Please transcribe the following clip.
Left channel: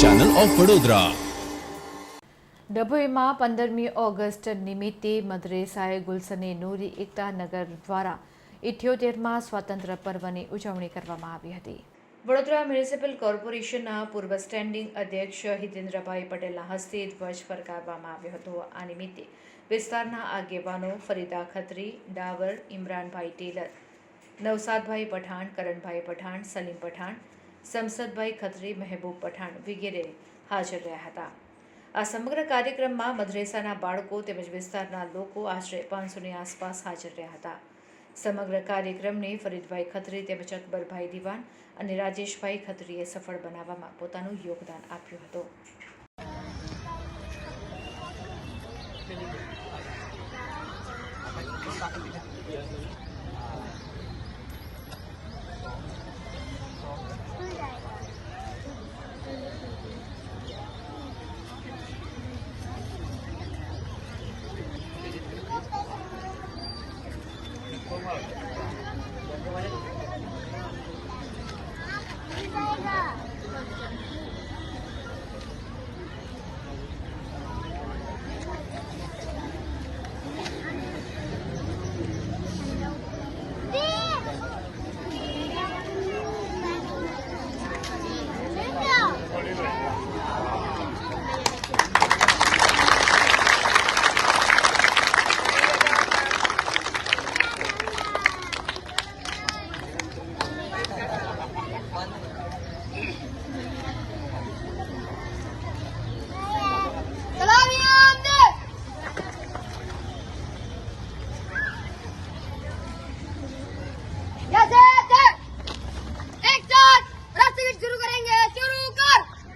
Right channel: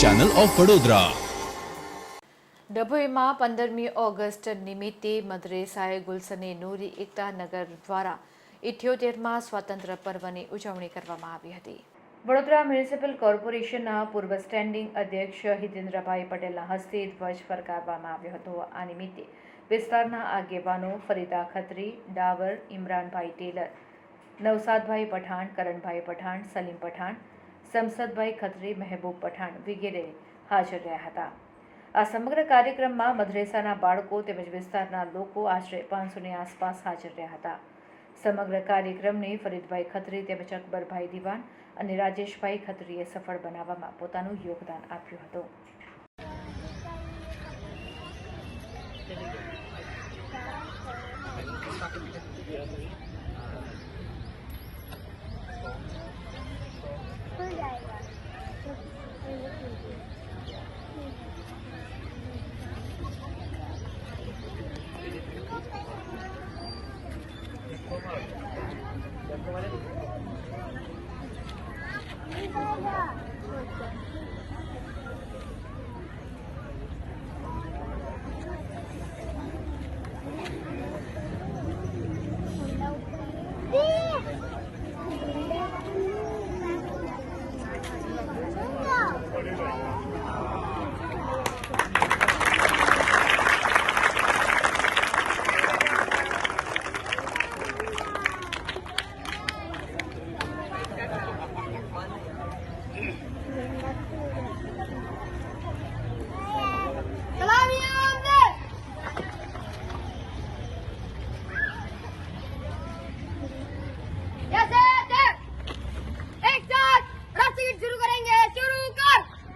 Channel of Vadodara ડભોઈમાં પંદરમી August નિમિત્તે મદ્રેસાએ ગુલસને નૂરી એકતા નગર દ્વારા ઇઠ્યોતેરમાં સ્વાતંત્ર્ય પર્વની ઉજવણી કરવામાં આવી હતી. વડોદરા મ્યુનિસિપલ કોર્પોરેશનના પૂર્વ સ્ટેન્ડિંગ અધ્યક્ષ હિતેન્દ્રભાઈ પટેલના હસ્તે ધ્વજ ફરકાવવામાં આવ્યો હતો. આ નિમિત્તે વિસ્તારના આગેવાનો ફરીદા ખત્રી ડાવર ઇમરાનભાઈ ટેલર નવસાદભાઈ પઠાણ કરણભાઈ પઠાણ સલીમ પઠાણ સમસદભાઈ ખત્રી, મહેબૂબ પઠાણ વગેરે હાજર રહ્યા હતા. આ સમગ્ર કાર્યક્રમમાં મદ્રેસાના બાળકો તેમજ વિસ્તારના લોકો આશરે પાંચસોની આસપાસ હાજર રહ્યા હતા. સમગ્ર કાર્યક્રમને ફરીદભાઈ ખત્રી તેમજ અકબરભાઈ દિવાન અને રાજેશભાઈ ખત્રીએ સફળ બનાવવામાં પોતાનું યોગદાન આપ્યું હતું. સ્વાતંત્ર્ય 这个。